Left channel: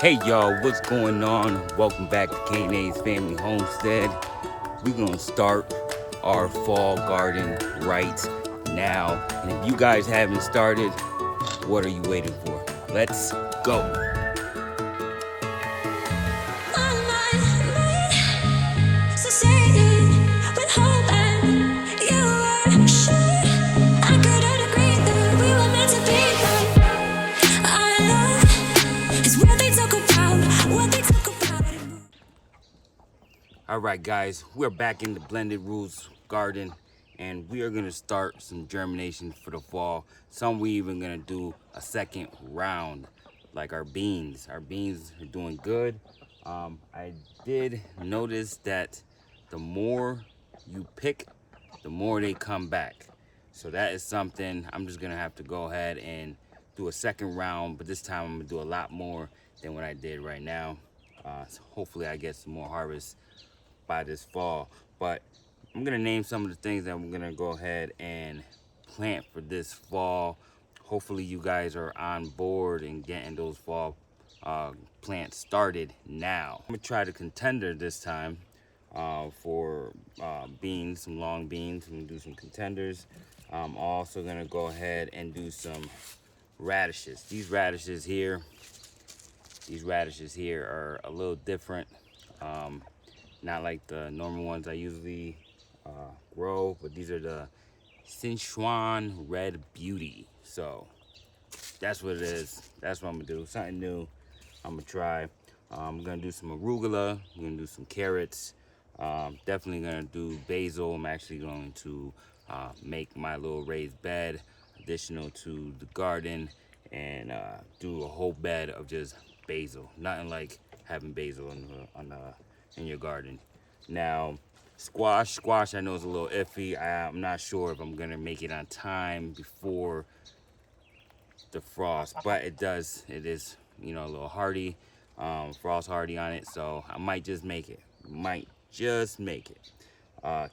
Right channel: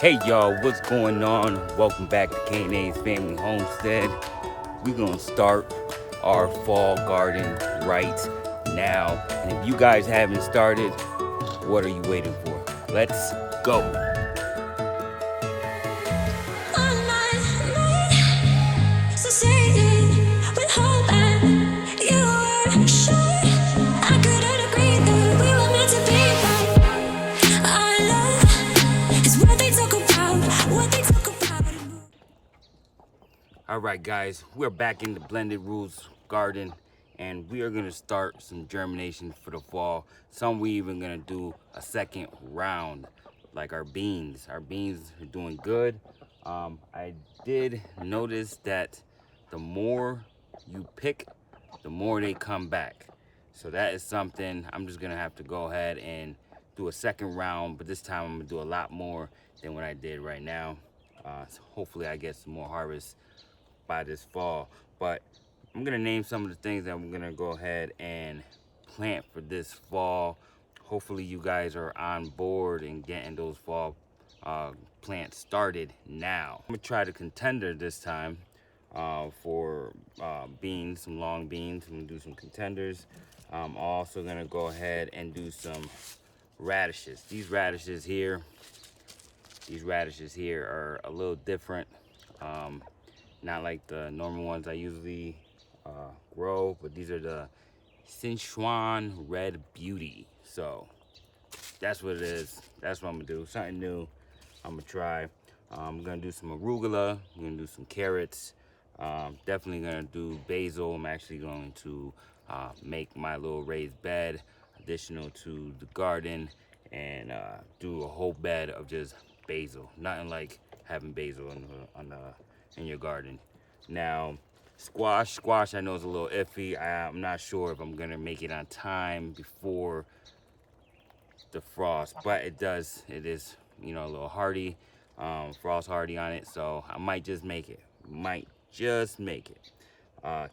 Hey y'all, what's going on? Welcome back to K&A's Family Homestead. We're gonna start our fall garden right now. And if you guys haven't started, what are you waiting for? Let's go. Alright guys, we're back in the Blended Rules garden and we are gonna start some germination for the fall. Some we even gonna do a second round, like our beans. Our beans are doing good. I did notice that the more you pick, the more they come back. So that is something I'm just gonna have to go ahead and do a second round, but this time I'm gonna do a lot more than what I did right now. So hopefully I get some more harvest by this fall. But I'm gonna name some of the things that I'm gonna go ahead and plant for this fall. Hopefully you guys are on board and getting those fall plants started now. I'm gonna try the contender this time for beans, some long beans. I'm gonna do some contenders. I'm also gonna go ahead and do some radishes. These radishes here are a little different. Not like the normal ones I usually grow, but these are the Sichuan Red Beauty. So that's what it is. That's what I'm gonna do. Something new. I'm gonna try. I'm gonna do some arugula. I'm gonna do some carrots. Definitely gonna do basil. I'm actually going to make my little raised bed additional to the garden and do a whole bed of just basil. Nothing like having basil in your garden. Now, squash I know is a little iffy. I'm not sure if I'm gonna make it on time before the frost, but it is, you know, a little hardy, frost hardy on it, so I might just make it.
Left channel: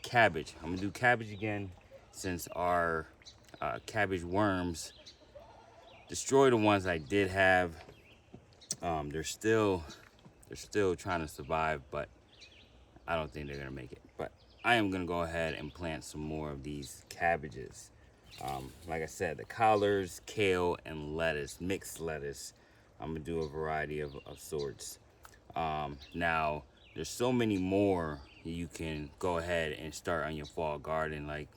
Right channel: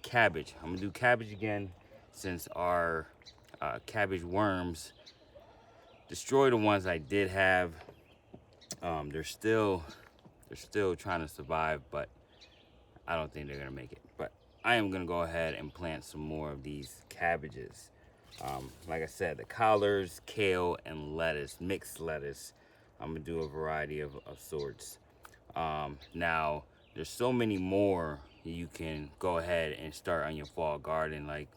Cabbage, I'm gonna do cabbage again since our cabbage worms destroy the ones I did have. They're still trying to survive, but I don't think they're gonna make it. But I am gonna go ahead and plant some more of these cabbages. Like I said, the collards, kale, and lettuce, mixed lettuce. I'm gonna do a variety of sorts. Now, there's so many more you can go ahead and start on your fall garden, like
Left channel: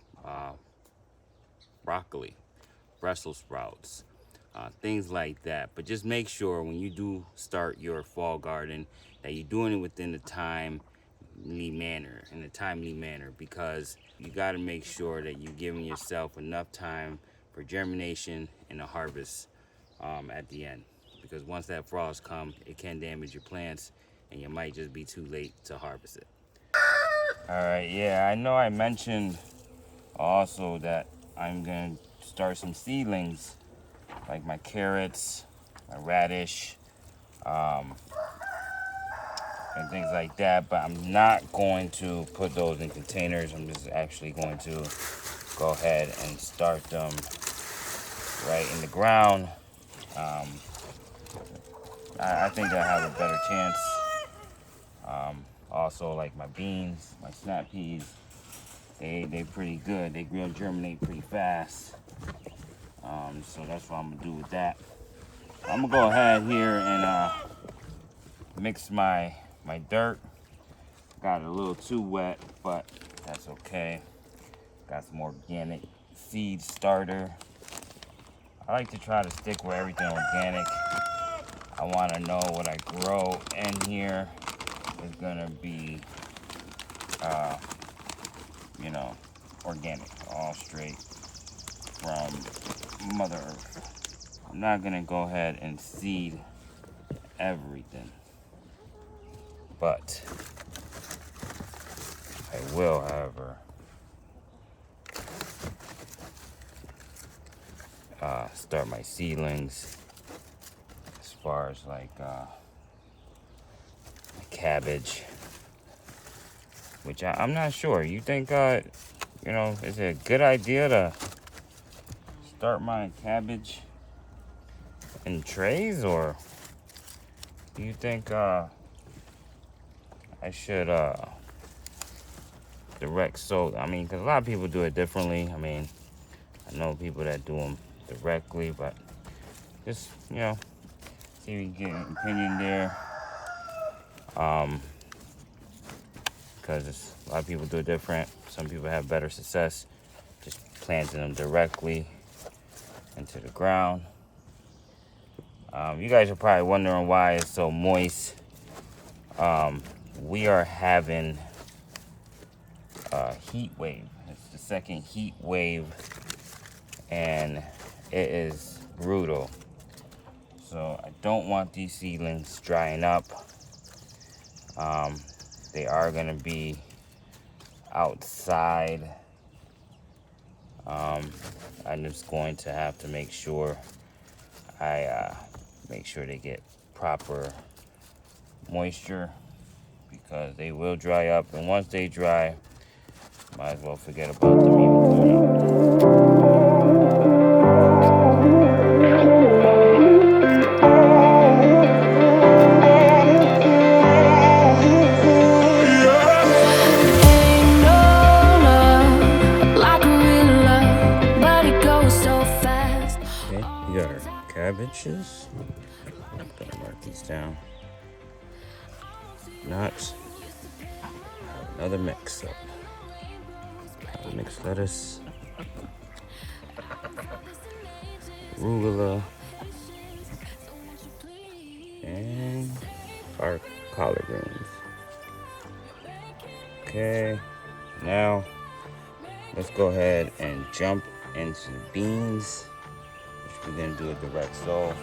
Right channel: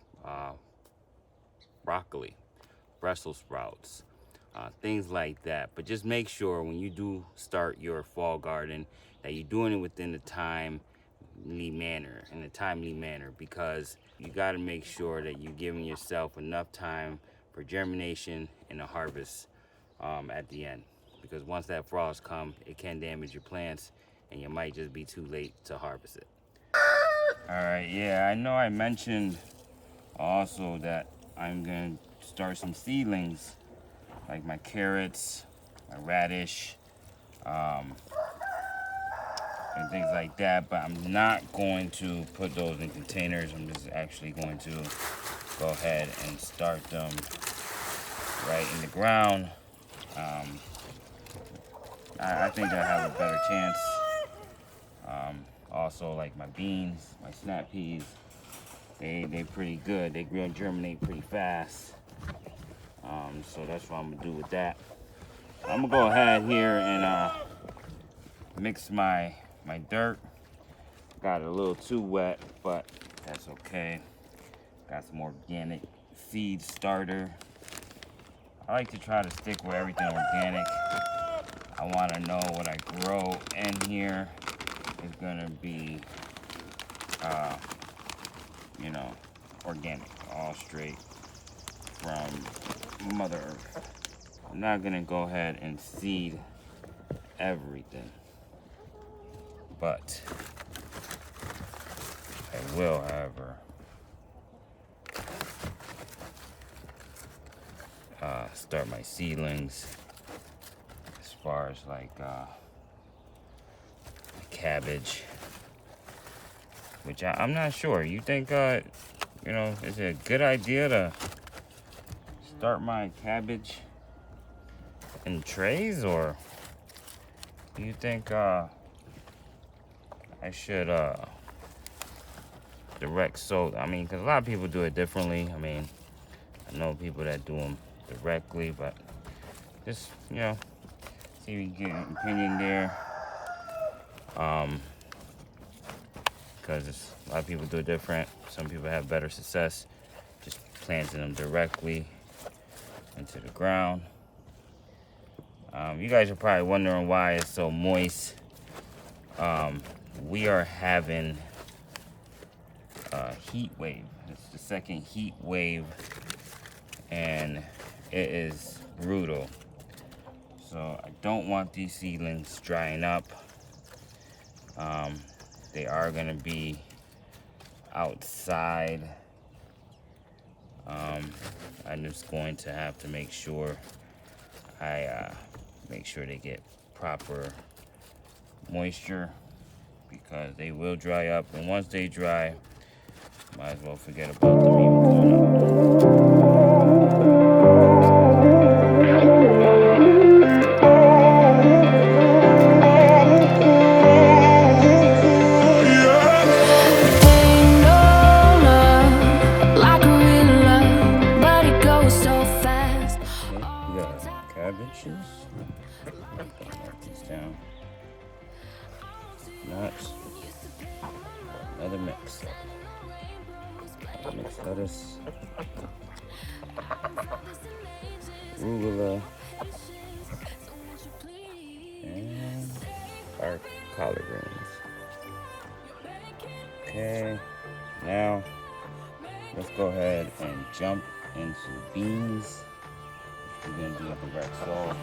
broccoli, Brussels sprouts, things like that. But just make sure when you do start your fall garden that you're doing it within the timely manner, because you got to make sure that you're giving yourself enough time for germination and a harvest at the end, because once that frost comes, it can damage your plants and you might just be too late to harvest it. All right, yeah, I know I mentioned also that I'm gonna start some seedlings like my carrots, my radish, and things like that, but I'm not going to put those in containers. I'm just actually going to go ahead and start them right in the ground. I think I have a better chance. Also, like my beans, my snap peas, they pretty good. They grow and germinate pretty fast. So that's what I'm gonna do with that. I'm gonna go ahead here and mix my dirt. Got it a little too wet, but that's okay. Got some organic seed starter. I like to try to stick with everything organic. I want to know what I grow in here is gonna be, you know, organic, all straight from Mother Earth. I'm not gonna go ahead and seed everything, but I will, however, start my seedlings as far as like cabbage, which I'm not sure. You think, you know, is it a good idea to start my cabbage in trays, or do you think I should direct sow? I mean, because a lot of people do it differently. I mean, I know people that do them directly, but just, you know, see if you get an opinion there. Because a lot of people do it different. Some people have better success just planting them directly into the ground. You guys are probably wondering why it's so moist. We are having a heat wave. It's the second heat wave, and it is brutal. So I don't want these seedlings drying up. They are gonna be outside. I'm just going to have to make sure I make sure they get proper moisture, because they will dry up, and once they dry, might as well forget about them even coming up. Cabbages. Write these down. Nuts. Another mix. Mixed lettuce. Arugula. And our collard greens. Okay. Now let's go ahead and jump into beans. We're gonna do a direct sow.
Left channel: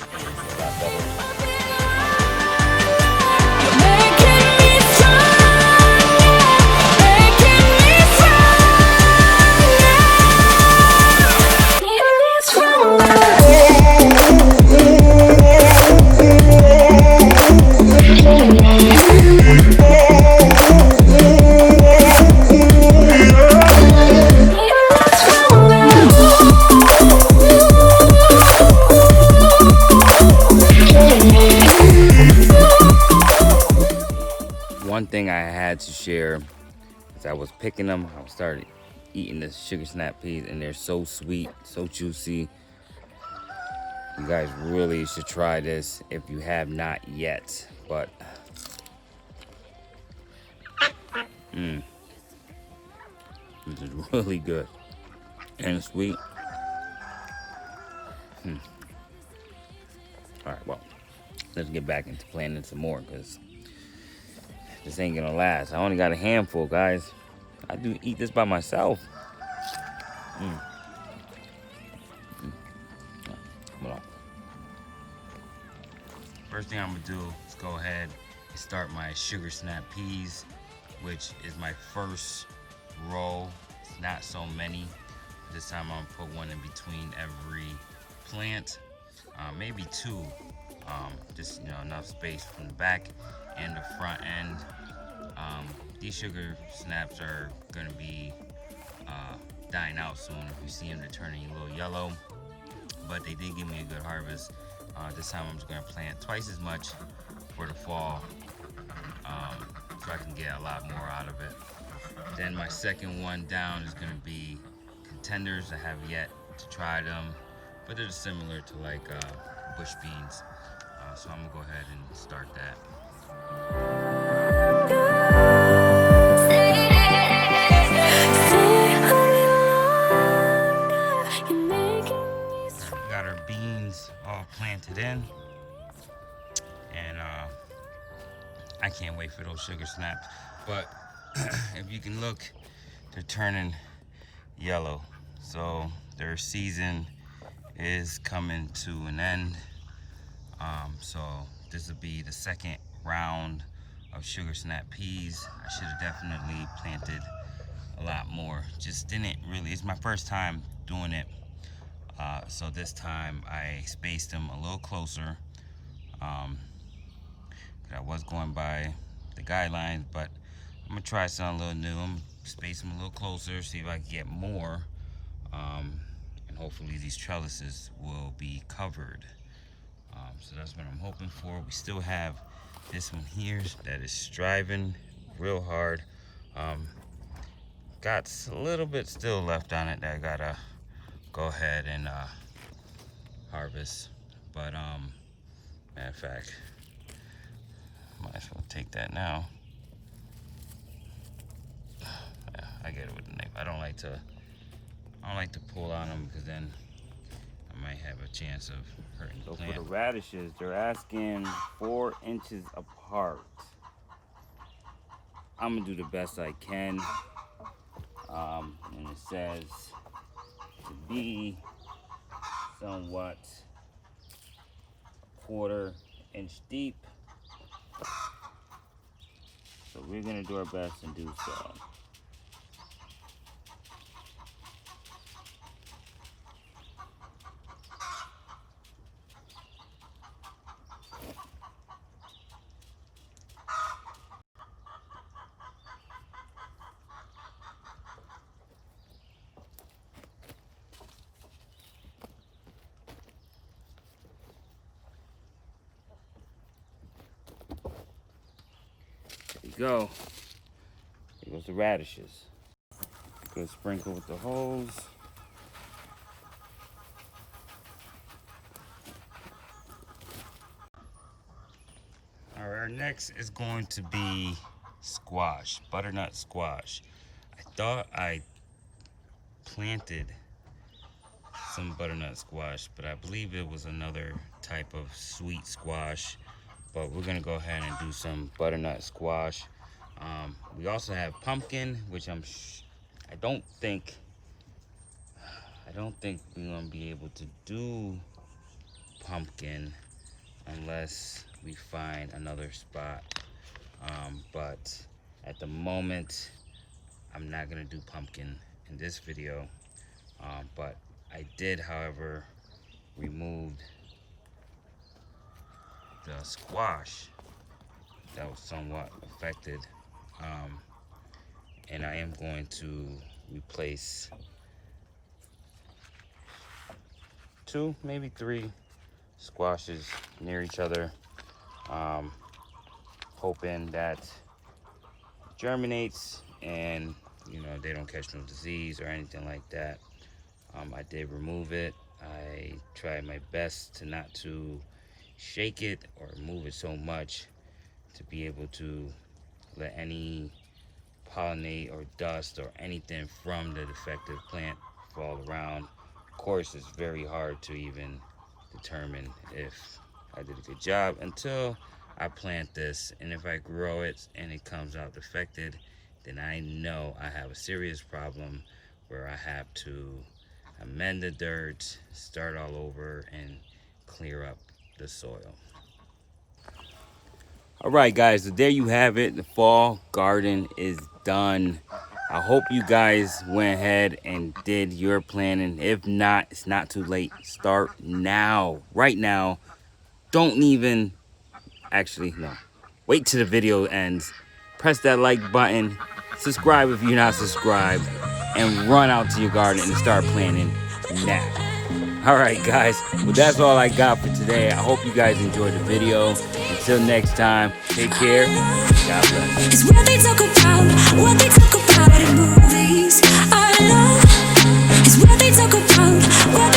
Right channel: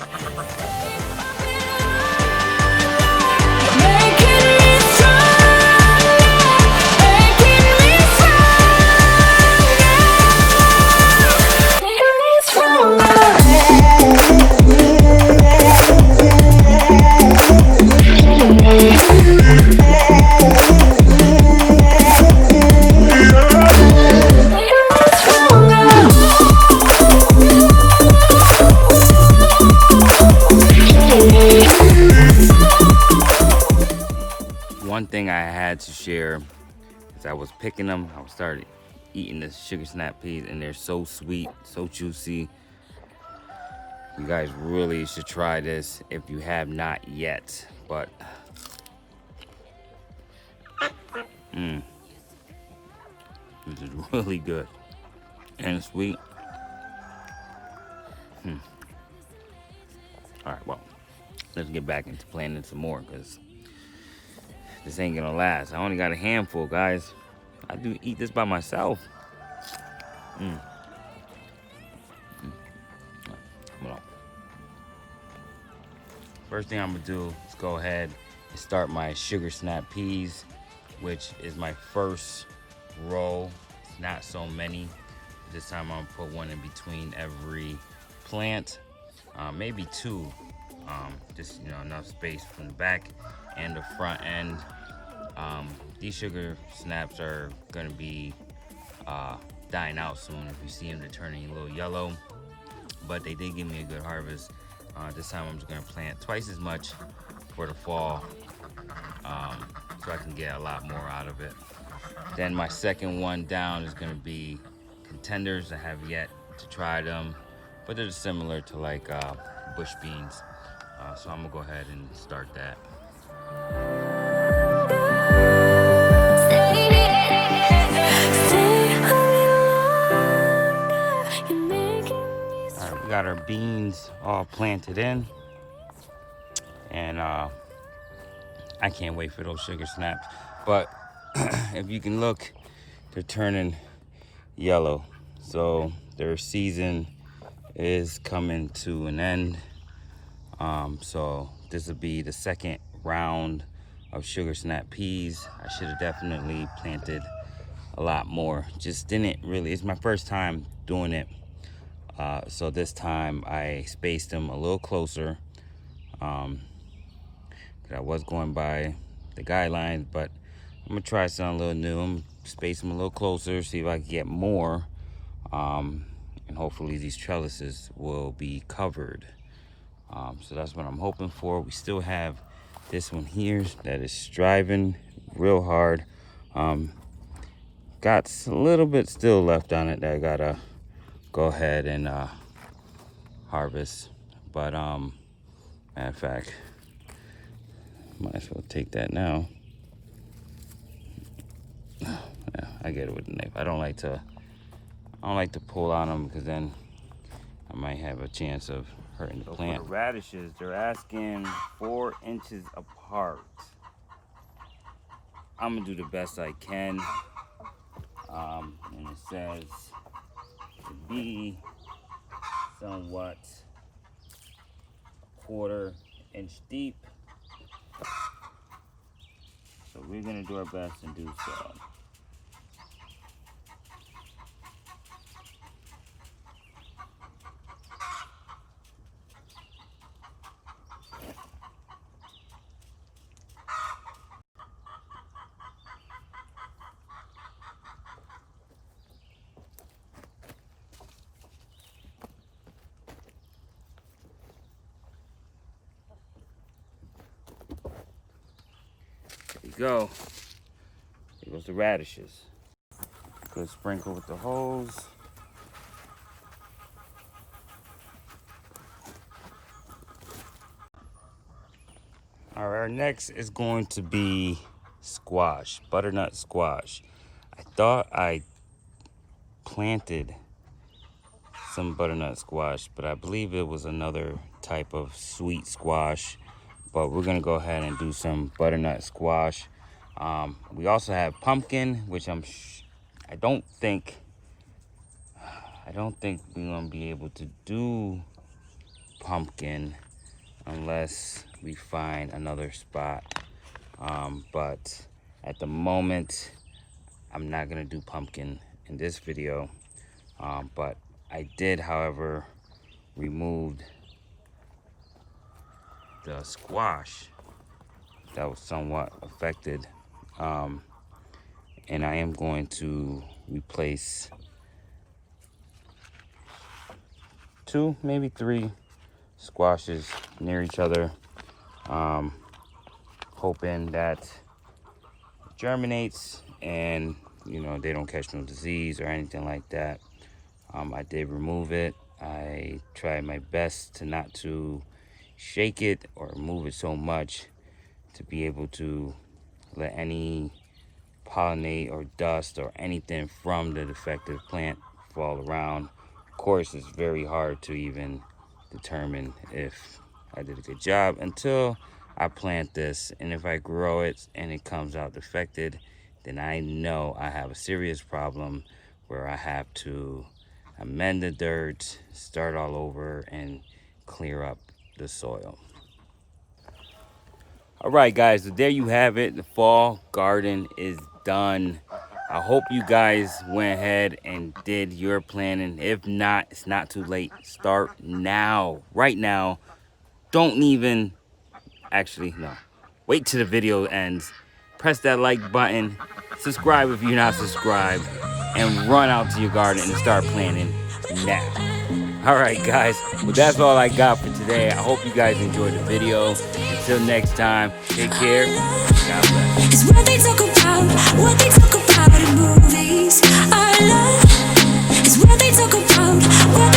One thing I had to share is I was picking them. I started eating the sugar snap peas, and they're so sweet, so juicy. You guys really should try this if you have not yet. But this is really good and sweet. All right, well, let's get back into planting some more, because this ain't gonna last. I only got a handful, guys. I do eat this by myself. Come on. First thing I'm gonna do is go ahead and start my sugar snap peas, which is my first row. Not so many. This time I'm gonna put one in between every plant, maybe two. Just, you know, enough space from the back and the front end. These sugar snaps are gonna be dying out soon. If you see them, they're turning a little yellow, but they did give me a good harvest. This time I'm just gonna plant twice as much for the fall, so I can get a lot more out of it. Then my second one down is gonna be contenders. I have yet to try them, but they're similar to like bush beans. So I'm gonna go ahead and start that. Alright, we got our beans all planted in, and I can't wait for those sugar snaps. But if you can look, they're turning yellow, so their season is coming to an end. So this will be the second round of sugar snap peas. I should have definitely planted a lot more. Just didn't really, it's my first time doing it. So this time I spaced them a little closer. I was going by the guidelines, but I'm gonna try something a little new. I'm gonna space them a little closer, see if I can get more. And hopefully these trellises will be covered. So that's what I'm hoping for. We still have this one here that is striving real hard. Got a little bit still left on it that I gotta go ahead and harvest. But matter of fact, might as well take that now. Yeah, I get it with the knife. I don't like to pull on them because then I might have a chance of hurting the plant. For the radishes, they're asking 4 inches apart. I'm gonna do the best I can. And it says to be somewhat a 1/4 inch deep. So we're gonna do our best and do so. There you go. Here goes the radishes. Good sprinkle with the hose. All right, next is going to be squash, butternut squash. I thought I planted some butternut squash, but I believe it was another type of sweet squash. But we're gonna go ahead and do some butternut squash. We also have pumpkin, which I don't think we're gonna be able to do pumpkin unless we find another spot. But at the moment, I'm not gonna do pumpkin in this video. But I did, however, removed the squash that was somewhat affected, and I am going to replace 2, maybe 3 squashes near each other, hoping that it germinates and they don't catch no disease or anything like that. I did remove it. I tried my best to not to shake it or move it so much to be able to let any pollinate or dust or anything from the defective plant fall around. Of course, it's very hard to even determine if I did a good job until I plant this, and if I grow it and it comes out defected, then I know I have a serious problem where I have to amend the dirt, start all over, and clear up the soil. All right, guys, so there you have it. The fall garden is done. I hope you guys went ahead and did your planning. If not, it's not too late. Start now, right now. Don't even, actually, no. Wait till the video ends. Press that like button. Subscribe if you're not subscribed. And run out to your garden and start planting now. All right, guys. Well, that's all I got for today. I hope you guys enjoyed the video. Until next time, take care. God bless. It's what they talk about in movies. Our love is what they talk about.